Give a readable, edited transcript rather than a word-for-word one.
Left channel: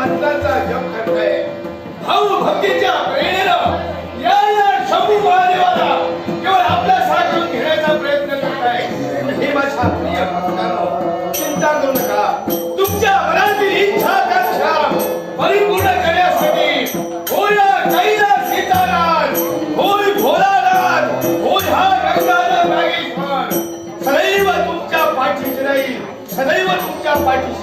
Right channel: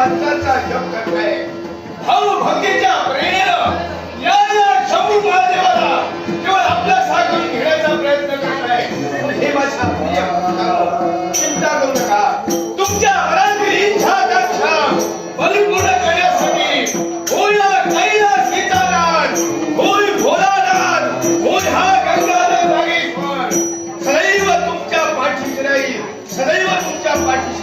मंत्राचा जप करताय. भाऊ भक्तीच्या प्रेरणेनं या शंभू महादेवाला केवळ आपल्या साखळी घेण्याचा प्रयत्न करताय. हे माझ्या प्रिय भक्तांनो, चिंता करू नका. तुमच्या मनातील इच्छा आकांक्षा परिपूर्ण करण्यासाठी होय कैलास सीतानाथ, होय भोलानाथ, होय हा गंगाधर नागेश्वर सदैव तुमच्या पाठीशी राहील, सदैव तुमच्या पाठीशी